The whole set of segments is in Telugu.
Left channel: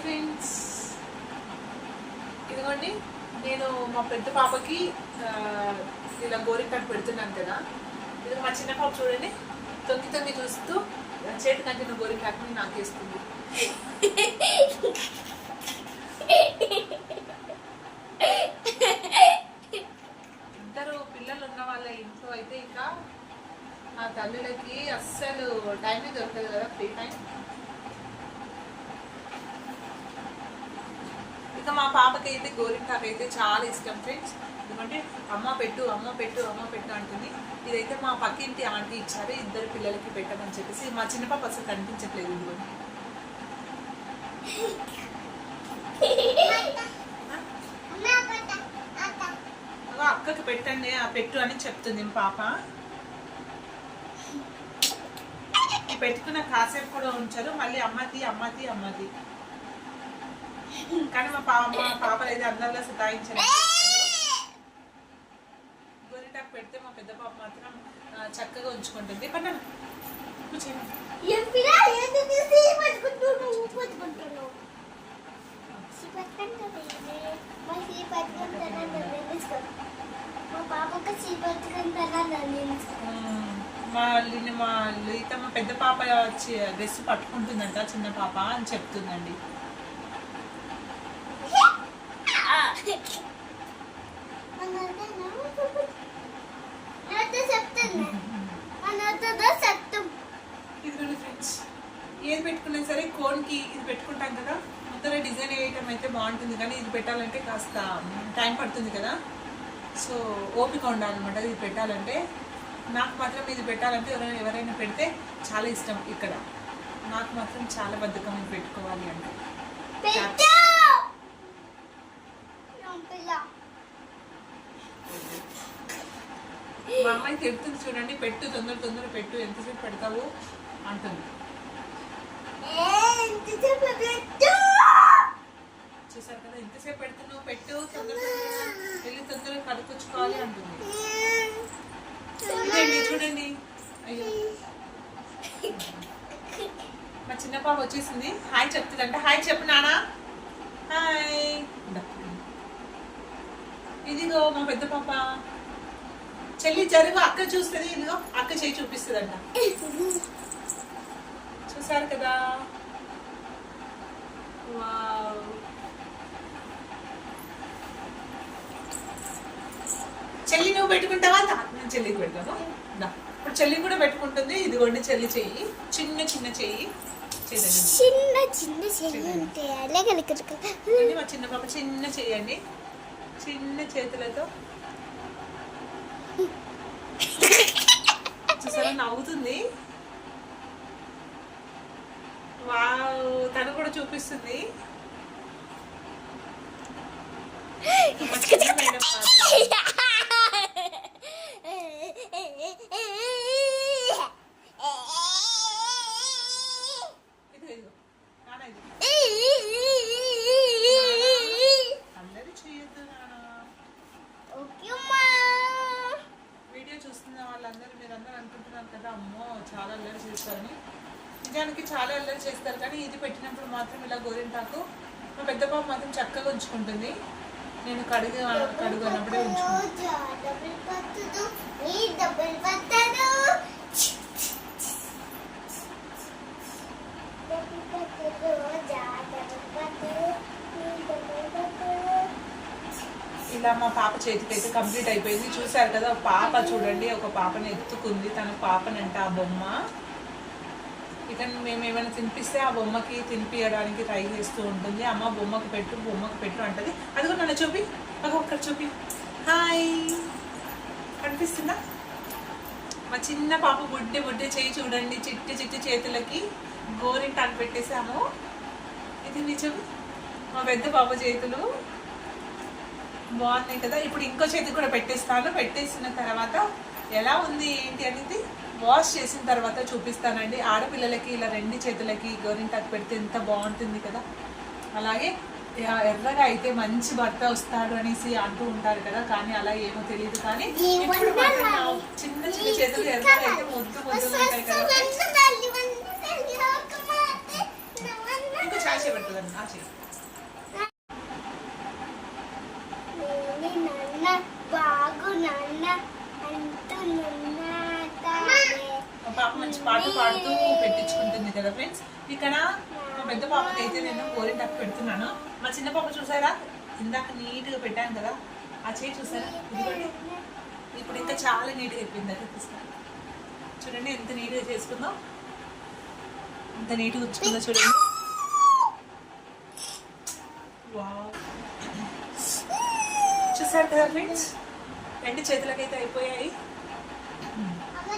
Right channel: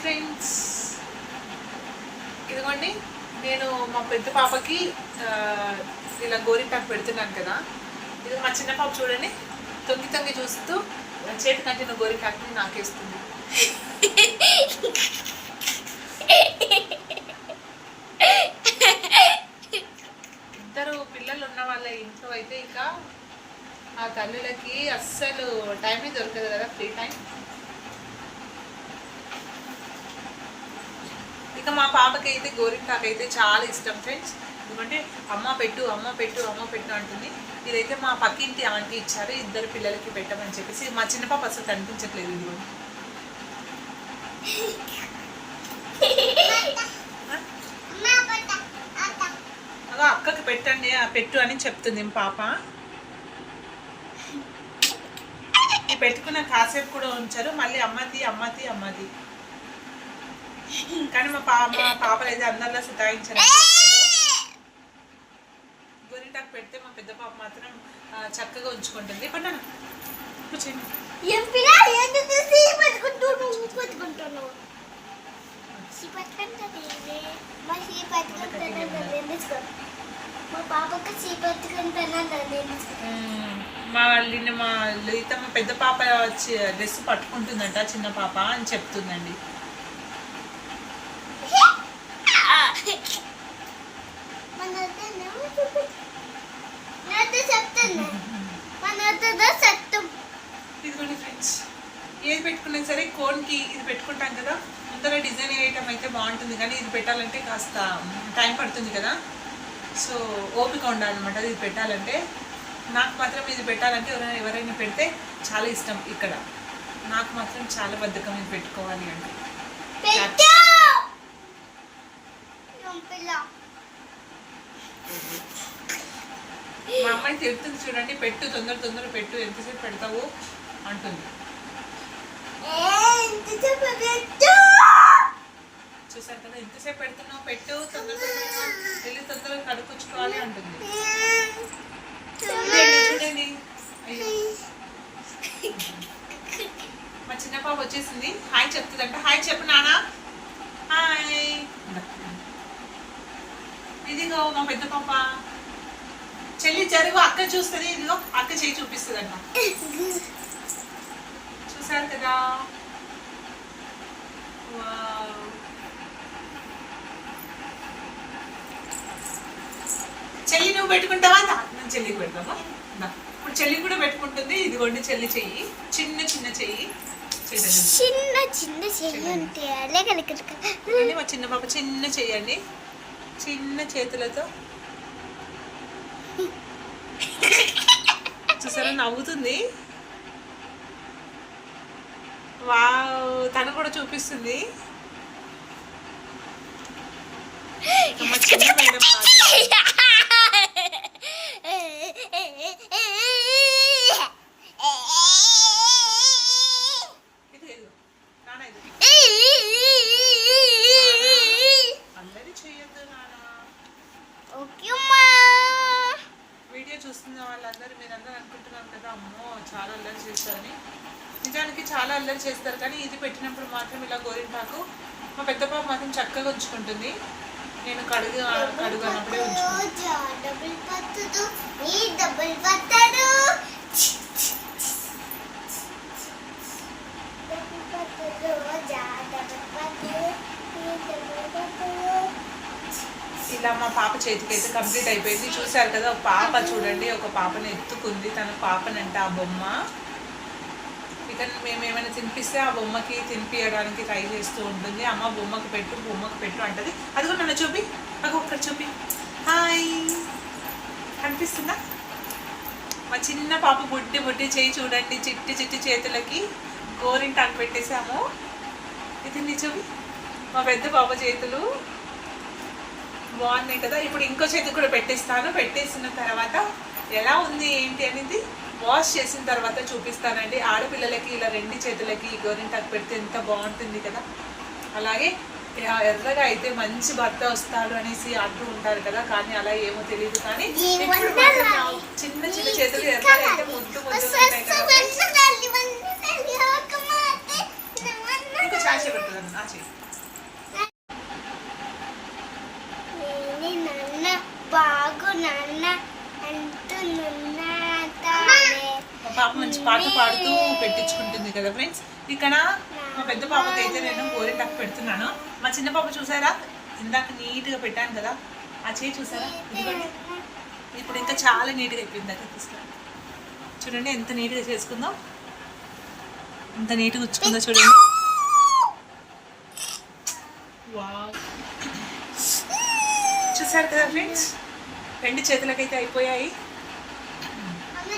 ఫ్రెండ్స్ ఇదిగోండి నేను మా పెద్ద పాపకి ఇలా గోరింటాకు పెడుతున్నాను కదా. ఇది మా చిన్న పాప చూడండి తొంగి తొంగి చూస్తూ చేతి కంటిన గోరింటాకుని నాకేస్తుంది ఇద్దరు పిల్లలు ఉన్న వాళ్ళ ఇంట్లో అయితే ఇక ఆ తల్లులకి అస్సలు టైమే దొరకదు కదా ఫ్రీ టైం ఇంకా మా పాపకి అయితే గోరింటాకు అయితే చాలా ఇష్టం ఫ్రెండ్స్ ఎందుకంటే అమ్మ పెట్టు అమ్మ పెట్టు అమ్మ పెట్టు అంటుంది. ఇదైతే మా పక్కింటి ఆంటీ ఇచ్చారు ఇద్దరు పిల్లలకి పెట్టమని చెప్పేసి. మా చిన్న పాప అసలు కనిపించట్లేదు ఇది అలా అక్కకి పెట్టండి ఆ పెట్టు అని చెప్తుంది పాప. పెట్టుకున్న కాసేపు కూడా ఉంచారు. మళ్ళీ అమ్మది అమ్మది అమ్మది. కానీ మా పాప మా పాపలు అయితే అందరిలో సుతాయించారు. గోరింటాకు పెడితే మా పెద్ద పాప మాత్రం చక్కగా ఉంచుకుంటుంది. మా మా మ్మ్. మా నిన్న మా లీత మా పెద్ద పాప డ్రెస్ పట్టుకుంటుందంట చిన్న పాప అని చెప్తుందండి మన నాతో చెప్తాను మనతో సత్తం ఇదిగోండి ఫ్రెండ్స్ ఏది పెట్టుకున్నా కోన్కి ఇది పెట్టుకుంటాం కదా. ముందర డిజైన్ వేయటం అయితే బాగుంటుంది. కానీ ఇది పెట్టాలంటే కాస్త టైం పడుతుంది కదా. సో ఓపిక ఉండాలన్నమాట ఇది పెట్టాలంటే. నాకు మాత్రం ఇది పెట్టాలంటే ఎవరైనా ఎవరైనా పెడితే చాలా ఇష్టం ఇక్కడ. నాకు మాత్రం చాలా బద్ధకం ఇది పెట్టుకోవాలి అంటే. మా అమ్మాయి తిడుతుంది చూడండి. పెట్టు తొందర తొందర పెట్టు. ఎంతసేపు పెడతావు? అంటుంది. చూసారు కదా ఎంతసేపు పెడుతున్నావు పెట్టు తొందరగా వెళ్ళి తొందరగా కడుపుచ్చుకోవాలి అంటుంది. చూడండి. అయ్యో. మా చిన్న పాప వచ్చేసింది. హాయ్ చెప్తుందంట. హాయ్ చెప్పు నానా. హాయ్. ఇదిగో. మా పెద్ద పాప. చెల్లి జరుగు అక్క చూస్తుంది. ఇదిగో అక్క చేయి చూపిస్తుందంట. చూసారు కదా? చెల్లి నువ్వు పెట్టుకుంటావా? నేను చెల్లికి పెడతావా. ఇప్పుడు చెల్లి కూడా పెట్టుకుంటుంది. ఇదిగోండి చెల్లి చెయ్యి. చిన్న చిన్న చెయ్యి. చిన్న చిన్న చెయ్యి ఉంటే అలగలికలు ఇదిగోండి మా చిన్న పాప చిన్న చెయ్యండి చిన్న చేతులతో. చూసారా? నవ్వుతుంది. వావ్ తను కూడా చూపిస్తుంది మా చిన్న మేడం మాత్రం. ఇది ఇదిగో. నాన్న ఇది. అల్లరి చెయ్యొద్దు నాన్న ఓకే అమ్మా వీడియో చూస్తున్న వాళ్ళందరూ మీరందరూ అనుకుంటున్నారు కదా అమ్మో చాలా అల్లరి చేస్తారని నిజానికి చాలా అల్లరి చేస్తారు కానీ ఇది పెట్టినప్పుడు మాత్రం ఇలా గోరింటాకు మా పెద్ద పాప మాత్రం చక్కగా ఉంచుకుంటుంది. నేను కడుగు కడుగు అన్నప్పుడే ఉంచుకుంటాను. ఇలా మా పాప చేతికి అయితే కంప్లీట్ అయిపోయింది. చూశారు కదా ఒక పాప చూడండి ఒక పాపని ఎత్తుకుంది. తన పాపనంట ఆ బొమ్మ. ఇతను మేము ఏమైనా తినిపిస్తే ఆ బొమ్మకి తినిపించడానికి ట్రై చేస్తూ ఉంటుంది. అమ్మ బొమ్మకి పెట్టు బొమ్మకి పెట్టు అంటది. అదిగో నన్ను చూపి. నాకు ఒక్కడ చూపి. హాయ్. కనిపిస్తుందా? మా చిన్న పాప బుడ్డి బుడ్డి చేయి చూడండి. చిట్టి చిట్టి చేతులకి గోరింటాకు పెట్టేసాము ఇది నిజం మా పెద్ద పాప చేతులు. బాగున్నాయి కదా. ఇప్పుడు ఇంకో చేతి కూడా పెట్టేస్తాను. పెట్టేసిన తర్వాత ఎలా ఉంది ఏంటి అనేది వాష్ చేసిన తర్వాత చూపిస్తానండి. ఆడపిల్లలకి ఇలా రెండు చేతులకి గోరింటాకు పెడితే ఎంత బాగుంటుంది కదా. అలాగే ఎర్రగా అయితే మంచి భర్త వస్తాడు అనేసి అంటూ ఉంటారు కదా. కానీ అలా ఏమో తెలియదు. కానీ చిన్న చిన్న చేతులు ఎర్రగా అయితే ముద్దు ముద్దులు ఉంటాయి కదా ఇంకా చాచే పెడుతుంది ఆ చేయి కదా ఫ్రెండ్స్ ఇక్కడ మా పెద్ద పాపకి అయితే నేను గోరింటాకు పెడుతున్నాను. మా చిన్న పాప చూసారా? ఇందాక నీట్గా పెట్టాను కదా. ఆ చేయి చూసారా? ఇదిగోండి. ఇప్పుడు ఇంకా చాలా నీట్గా అయిపోయింది దగ్గర చూస్తాను చూడండి ఎంత నీట్గా చేసుకుందో. ఎంత నీట్గా ఉచ్చుకుందో చూడండి. వావ్. చూసారు కదా ఫ్రెండ్స్ రెండు చేతులకైతే అయిపోయాయి.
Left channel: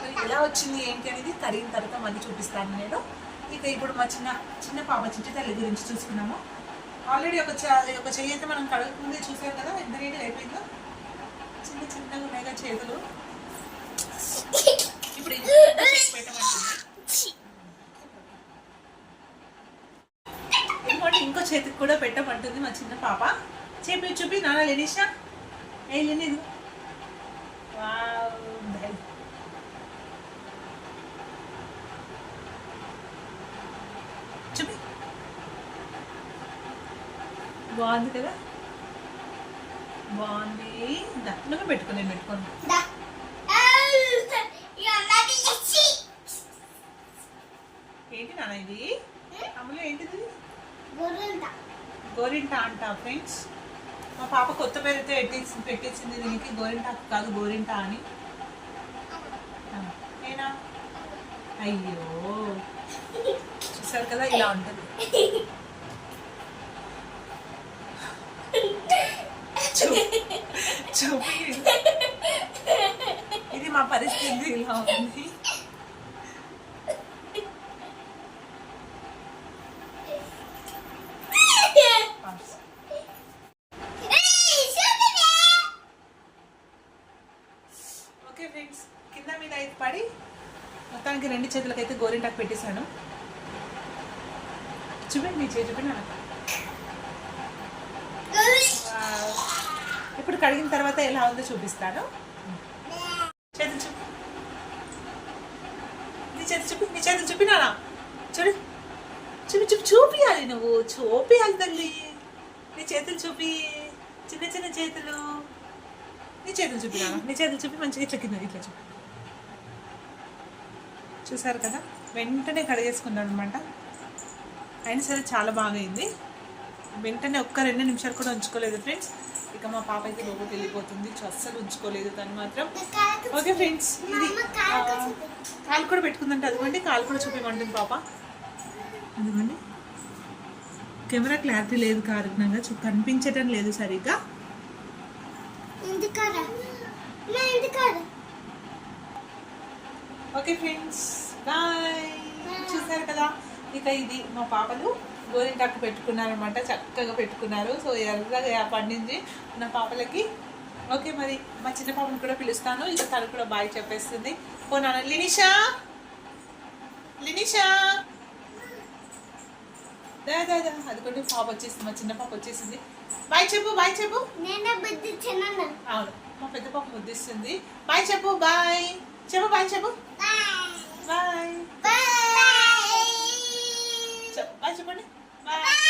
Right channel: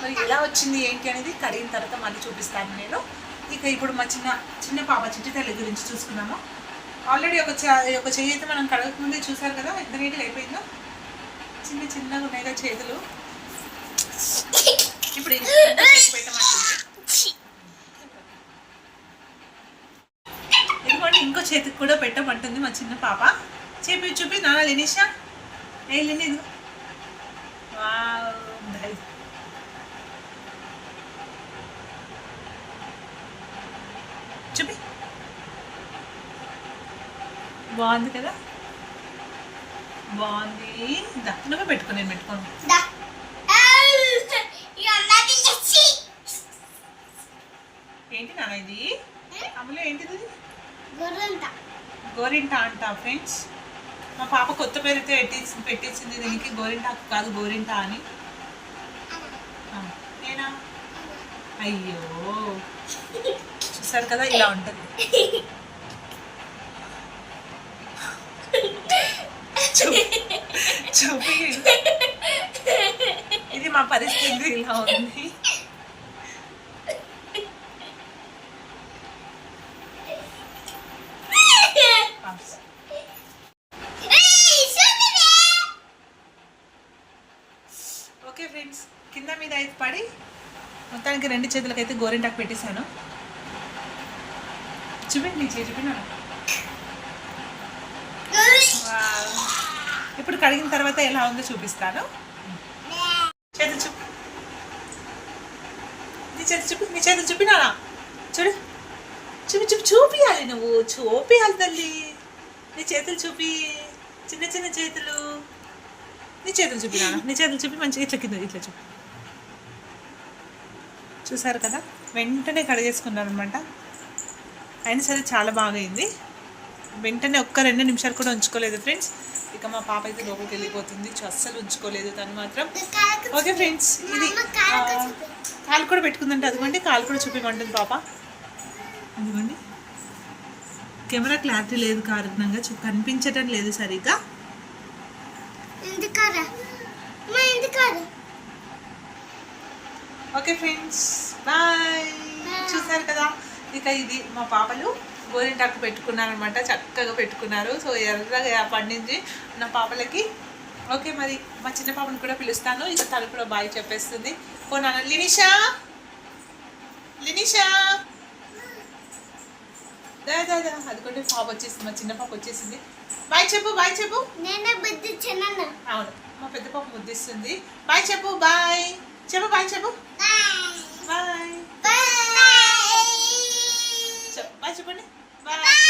మరి ఎలా వచ్చింది ఏంటి అనేది కడిగిన తర్వాత మళ్ళీ చూపిస్తాను నేను. ఇక ఇప్పుడు మా చిన్న చిన్న పాప చిట్టి తల్లి గురించి చూసుకున్నాము. ఆల్రెడీ ఒక చ- ఒక చెయ్యి అయితే మనం కడగకముందే చూసాం కదా ఎంత నీట్గా అయిపోయిందో. చిన్న చిన్నగా ఉన్నాయి చేతులు. ఇప్పుడు ఎందుకంటే ఇంకో చేతికి కూడా పెట్టమంటుంది మా చిన్న పాప. చూపి చూపి నాన్న లేనిషా? ఏ లేని చూపి బాగుంది కదా? బాగుంది. దా నువ్వే పెట్టుకో నేను ఎచ్చి ఏంటి నాన్న ఇది? అమలు ఏంటిది? గోరింటా. అంట ఫ్రెండ్స్. మా పాప కొత్త పేరుతో పెట్టించి పెట్టించింది దీనికి గోరింటాకు కాదు గోరింటా అని. నేనా? అయ్యో. చూసారు కదా ఇలా ఉంటుంది. చూపి ఇది మా పరిస్థితి ఇలా ఉంది. ఓకే ఫ్రెండ్స్ కింద మీద అయితే పడి మొత్తానికి రెండు చేతులకైతే గోరింటాకు పెట్టేశాను. చూపి నీ చేయి చూపి నాన్న. వావ్. ఇప్పుడు కడిగిన తర్వాత ఎలా ఉందో చూపిస్తాను. చేతి చూపు. నీ చేతి చూపి నీ చేతి చూపినానా చూడు. చూపి చూపి చూపియాలి నువ్వు. చూపియాలి తల్లి. నీ చేతులు చూపి. చిన్న చిన్న చేతులు. నీ చేతులు చూపినా నీ చేతులు చూపి మంచిగా ఇట్లా కింద ఇట్లా చూపి. చూసారు కదా? వెంటనే కడిగేసుకున్నాను అనమాట అయినా సరే చాలా బాగా అయింది వెంటనే ఒక్క రెండు నిమిషాలు కూడా ఉంచుకోలేదు ఫ్రెండ్స్ ఇక మా పాప అయితే లోపలికి వెళ్ళిపోతుంది. అస్సలు ఉంచుకోలేదు తను మాత్రం. ఓకే ఫ్రెండ్స్ ఇది కాలు కూడా పెట్టుకుందంటే. అదిగోండి కాలు కూడా చూపించమంటుంది పాప. ఇదిగోండి కెమెరా క్లారిటీ లేదు కారణంగా కనిపించటం లేదు సరిగ్గా ఓకే ఫ్రెండ్స్ బాయ్ చూసారు కదా? ఇక ఇది మా పాపలు. గోరింటాకు పెట్టుకున్నారనమాట చక్కగా పెట్టుకున్నారు. సో ఎర్రగా పండింది నా పాపలకి. ఓకే మరి మా చిన్న పాపని కూడా పిలుస్తాను. ఇక తను కూడా బాయ్ చెప్పేస్తుంది. ఓ నాన్న లినిషా! లినిషా అనుకుంటే పాప వచ్చేసింది. మా చిన్న పాప వచ్చేసింది. బాయ్ చెప్పు బాయ్ చెప్పు. నేనే అవును. మా పెద్ద పాప ముద్దిస్తుంది బాయ్ చెప్పు బాయ్. చెప్పు బాయ్ చెప్పు. బాయ్. బాయ్. బాయ్. చెప్పు బాయ్ చెప్పండి. Bye.